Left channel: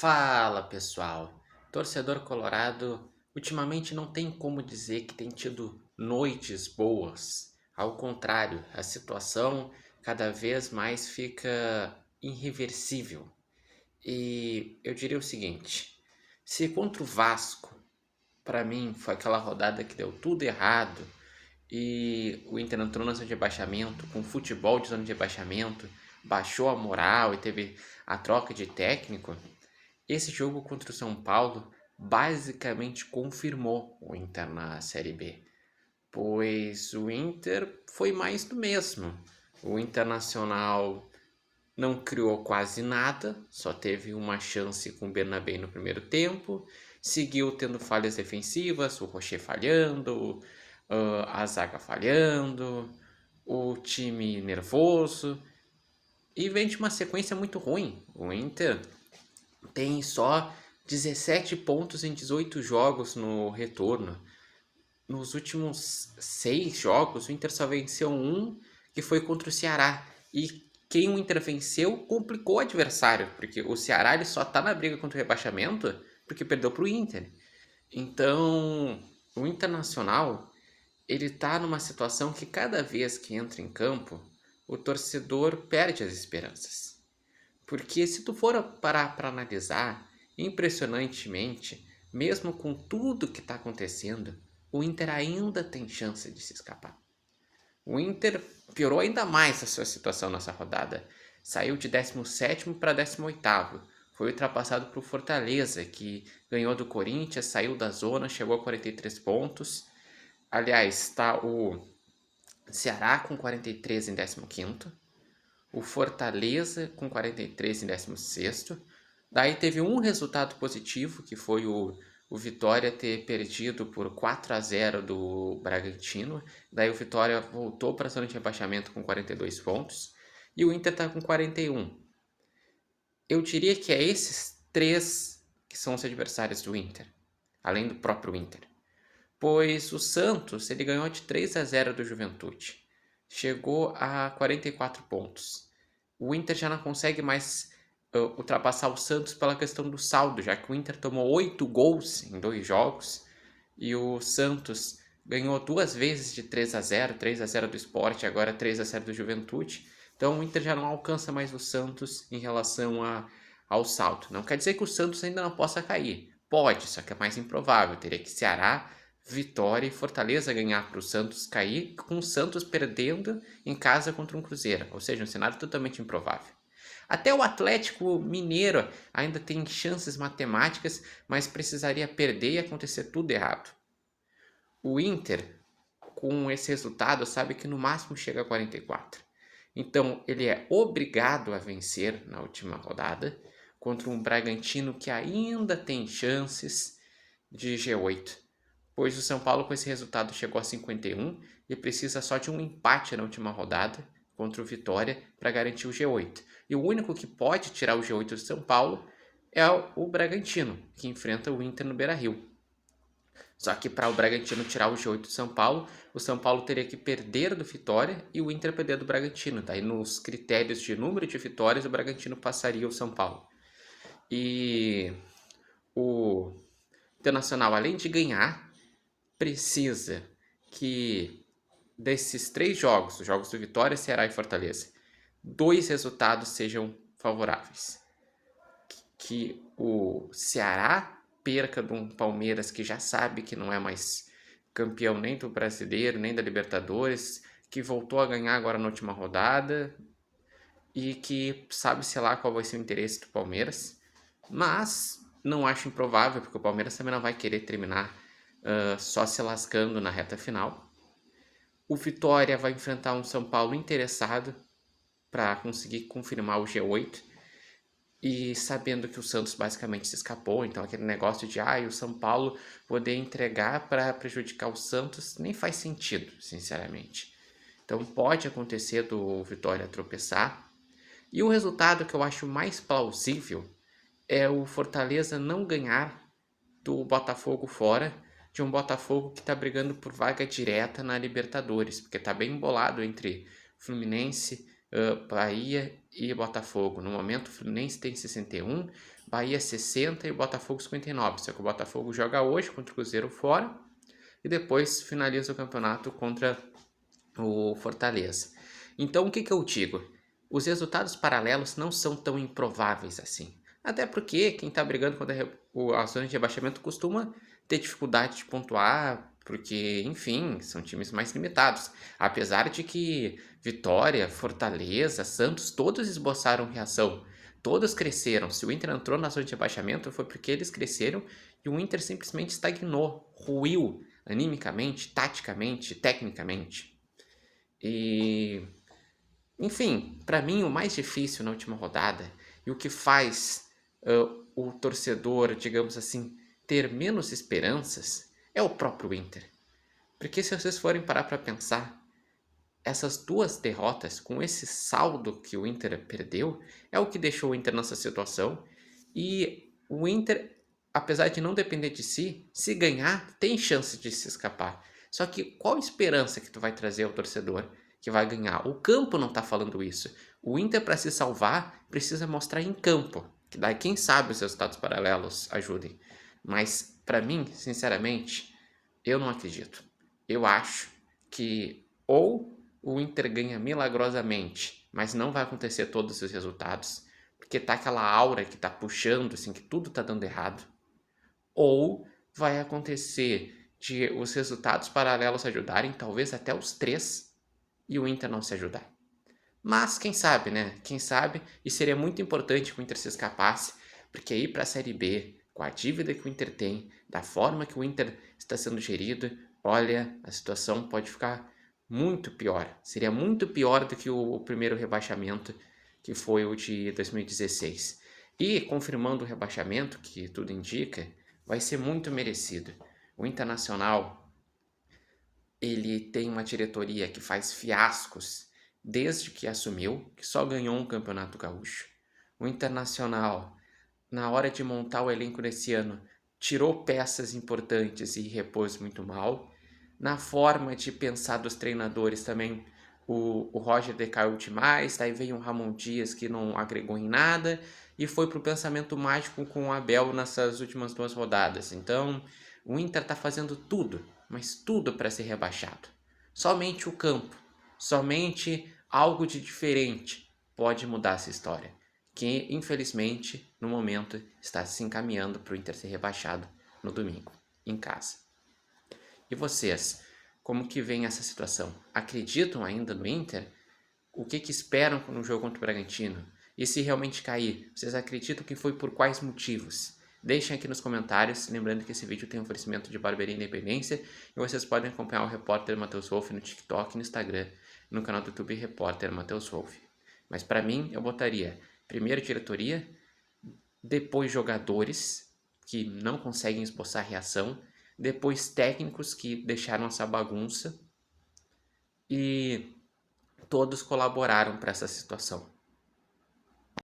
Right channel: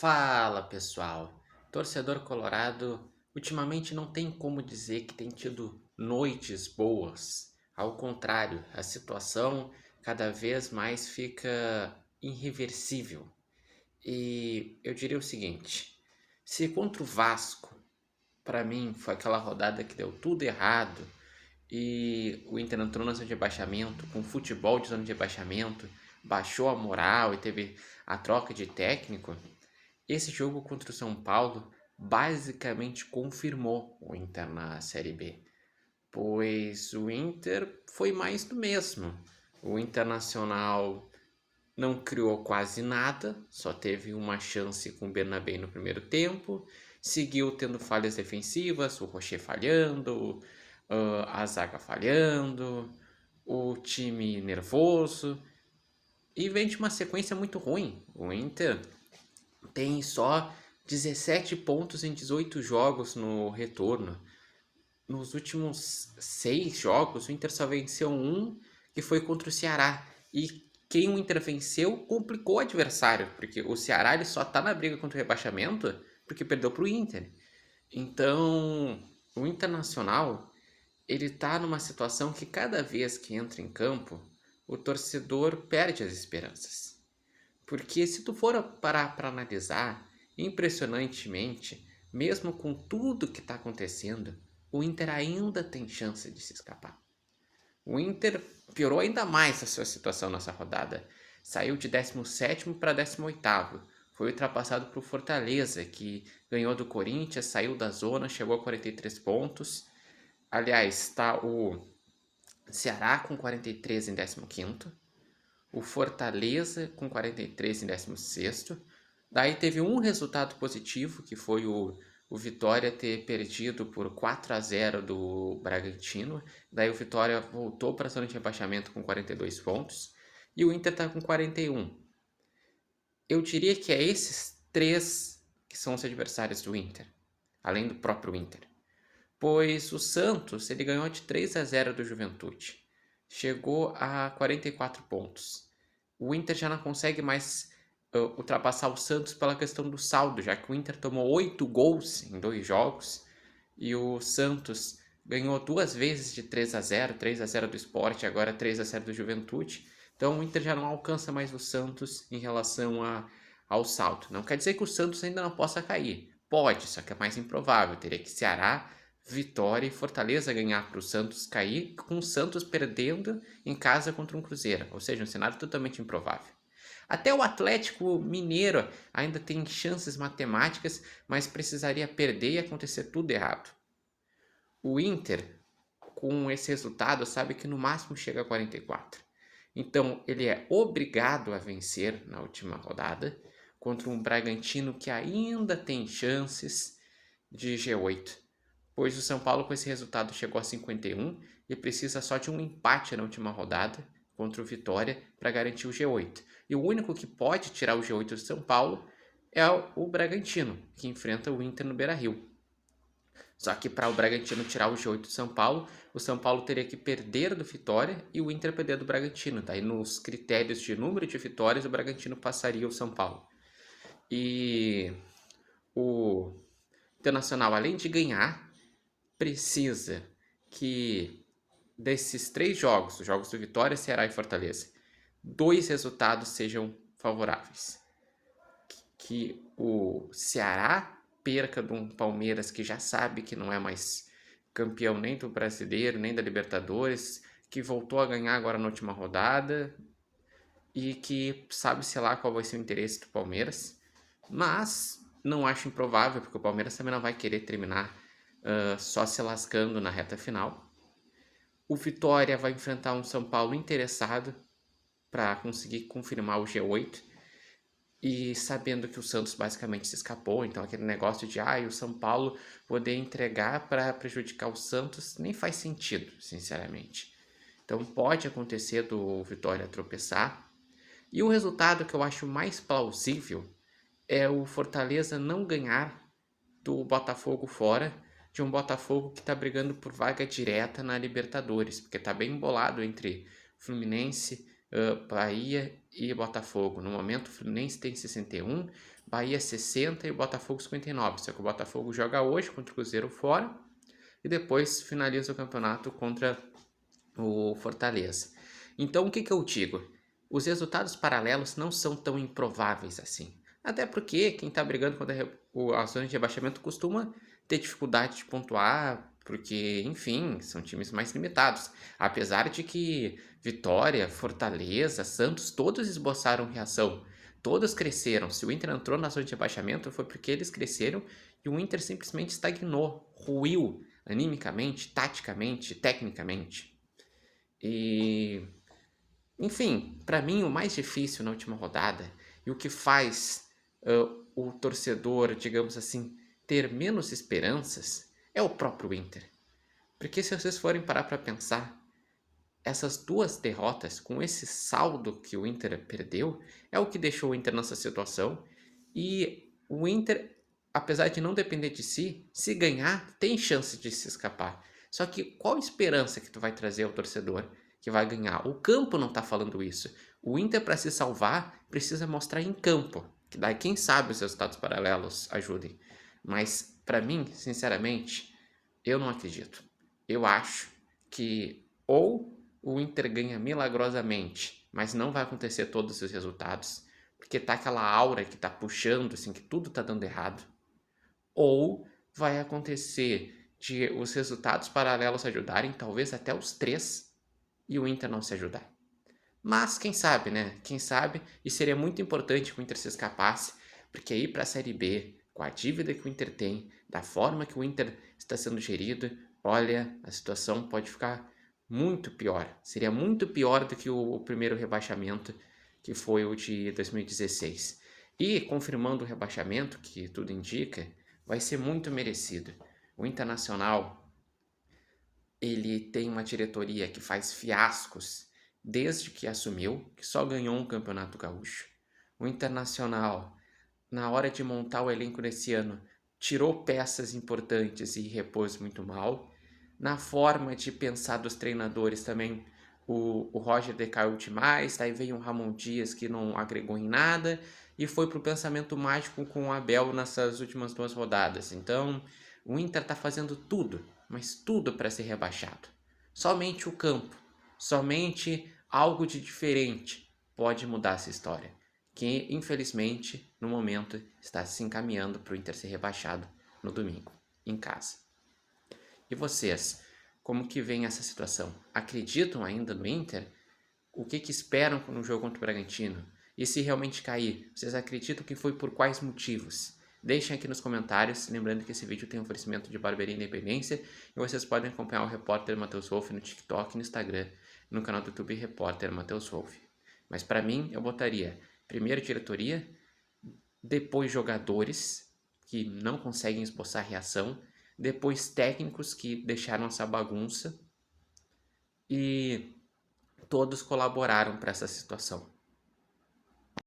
Fala pessoal, torcedor colorado ultimamente não tem como dizer que tem tido noites boas. Ao contrário, a situação cada vez mais fica irreversível. E eu diria o seguinte: se contra o Vasco, para mim foi aquela rodada que deu tudo errado e o Inter entrou na zona de rebaixamento, com futebol de zona de rebaixamento, baixou a moral e teve a troca de técnico. Esse jogo contra o São Paulo basicamente confirmou o Inter na Série B, pois o Inter foi mais do mesmo. O Internacional não criou quase nada, só teve uma chance com o Bernabé no primeiro tempo, seguiu tendo falhas defensivas, o Rocher falhando, a zaga falhando, o time nervoso, e vem de uma sequência muito ruim. O Inter tem só 17 pontos em 18 jogos no retorno. Nos últimos 6 jogos, o Inter só venceu um, que foi contra o Ceará. E quem o Inter venceu complicou o adversário, porque o Ceará ele só está na briga contra o rebaixamento porque perdeu para o Inter. Então, o Internacional ele está numa situação que cada vez que entra em campo, o torcedor perde as esperanças. Porque se tu for parar para analisar, impressionantemente, mesmo com tudo que está acontecendo, o Inter ainda tem chance de se escapar. O Inter piorou ainda mais a sua situação nessa rodada. Saiu de 17º para 18º. Foi ultrapassado por Fortaleza, que ganhou do Corinthians, saiu da zona, chegou a 43 pontos. Aliás, está o Ceará com 43 em 15º. O Fortaleza com 43 em 16º. Daí teve um resultado positivo, que foi o Vitória ter perdido por 4-0 do Bragantino. Daí o Vitória voltou para a zona de rebaixamento com 42 pontos. E o Inter está com 41. Eu diria que é esses três que são os adversários do Inter, além do próprio Inter. Pois o Santos ele ganhou de 3-0 do Juventude. Chegou a 44 pontos. O Inter já não consegue mais ultrapassar o Santos pela questão do saldo, já que o Inter tomou 8 gols em 2 jogos e o Santos ganhou 2 vezes de 3-0, 3-0 do Sport e agora 3-0 do Juventude. Então o Inter já não alcança mais o Santos em relação ao saldo. Não quer dizer que o Santos ainda não possa cair. Pode, só que é mais improvável. Teria que Ceará, Vitória e Fortaleza ganhar para o Santos cair, com o Santos perdendo em casa contra um Cruzeiro. Ou seja, um cenário totalmente improvável. Até o Atlético Mineiro ainda tem chances matemáticas, mas precisaria perder e acontecer tudo errado. O Inter, com esse resultado, sabe que no máximo chega a 44. Então, ele é obrigado a vencer na última rodada contra um Bragantino que ainda tem chances de G8, pois o São Paulo com esse resultado chegou a 51 e precisa só de um empate na última rodada contra o Vitória para garantir o G8. E o único que pode tirar o G8 do São Paulo é o Bragantino, que enfrenta o Inter no Beira-Rio. Só que para o Bragantino tirar o G8 do São Paulo, o São Paulo teria que perder do Vitória e o Inter perder do Bragantino. Daí nos critérios de número de vitórias, o Bragantino passaria o São Paulo. E o Internacional, além de ganhar, precisa que desses 3 jogos, os jogos do Vitória, Ceará e Fortaleza, 2 resultados sejam favoráveis. Que o Ceará perca de um Palmeiras que já sabe que não é mais campeão nem do Brasileiro, nem da Libertadores, que voltou a ganhar agora na última rodada e que sabe-se lá qual vai ser o interesse do Palmeiras. Mas não acho improvável, porque o Palmeiras também não vai querer terminar só se lascando na reta final. O Vitória vai enfrentar um São Paulo interessado para conseguir confirmar o G8 e sabendo que o Santos basicamente se escapou, então aquele negócio de o São Paulo poder entregar para prejudicar o Santos nem faz sentido, sinceramente. Então pode acontecer do Vitória tropeçar. E o resultado que eu acho mais plausível é o Fortaleza não ganhar do Botafogo fora, de um Botafogo que está brigando por vaga direta na Libertadores, porque está bem embolado entre Fluminense, Bahia e Botafogo. No momento, o Fluminense tem 61, Bahia 60 e o Botafogo 59. Só que o Botafogo joga hoje contra o Cruzeiro fora e depois finaliza o campeonato contra o Fortaleza. Então, o que eu digo? Os resultados paralelos não são tão improváveis assim. Até porque quem está brigando contra a zona de rebaixamento costuma ter dificuldade de pontuar, porque, enfim, são times mais limitados. Apesar de que Vitória, Fortaleza, Santos, todos esboçaram reação. Todos cresceram. Se o Inter entrou na zona de rebaixamento foi porque eles cresceram e o Inter simplesmente estagnou, ruiu animicamente, taticamente, tecnicamente. E, enfim, para mim o mais difícil na última rodada e o que faz o torcedor, digamos assim, ter menos esperanças é o próprio Inter. Porque se vocês forem parar para pensar, essas duas derrotas, com esse saldo que o Inter perdeu, é o que deixou o Inter nessa situação. E o Inter, apesar de não depender de si, se ganhar, tem chance de se escapar. Só que qual a esperança que tu vai trazer ao torcedor que vai ganhar? O campo não está falando isso. O Inter, para se salvar, precisa mostrar em campo. Que daí, quem sabe, os resultados paralelos ajudem. Mas, para mim, sinceramente, eu não acredito. Eu acho que ou o Inter ganha milagrosamente, mas não vai acontecer todos os resultados, porque tá aquela aura que tá puxando, assim, que tudo tá dando errado. Ou vai acontecer de os resultados paralelos ajudarem, talvez até os três, e o Inter não se ajudar. Mas quem sabe, né? Quem sabe, e seria muito importante que o Inter se escapasse, porque ir para a Série B, com a dívida que o Inter tem, da forma que o Inter está sendo gerido, olha, a situação pode ficar muito pior. Seria muito pior do que o primeiro rebaixamento, que foi o de 2016. E, confirmando o rebaixamento, que tudo indica, vai ser muito merecido. O Internacional, ele tem uma diretoria que faz fiascos desde que assumiu, que só ganhou um campeonato gaúcho. O Internacional, na hora de montar o elenco desse ano, tirou peças importantes e repôs muito mal. Na forma de pensar dos treinadores também, o Roger decaiu demais, daí veio um Ramon Dias que não agregou em nada e foi para o pensamento mágico com o Abel nessas últimas 2 rodadas. Então, o Inter está fazendo tudo, mas tudo para ser rebaixado. Somente o campo, somente algo de diferente pode mudar essa história, que infelizmente no momento está se encaminhando para o Inter ser rebaixado no domingo, em casa. E vocês, como que vem essa situação? Acreditam ainda no Inter? O que esperam no jogo contra o Bragantino? E se realmente cair, vocês acreditam que foi por quais motivos? Deixem aqui nos comentários, lembrando que esse vídeo tem um oferecimento de Barbearia Independência e vocês podem acompanhar o repórter Matheus Wolff no TikTok, no Instagram, no canal do YouTube Repórter Matheus Wolff. Mas para mim, eu botaria primeiro diretoria, depois jogadores que não conseguem esboçar reação, depois técnicos que deixaram essa bagunça e todos colaboraram para essa situação.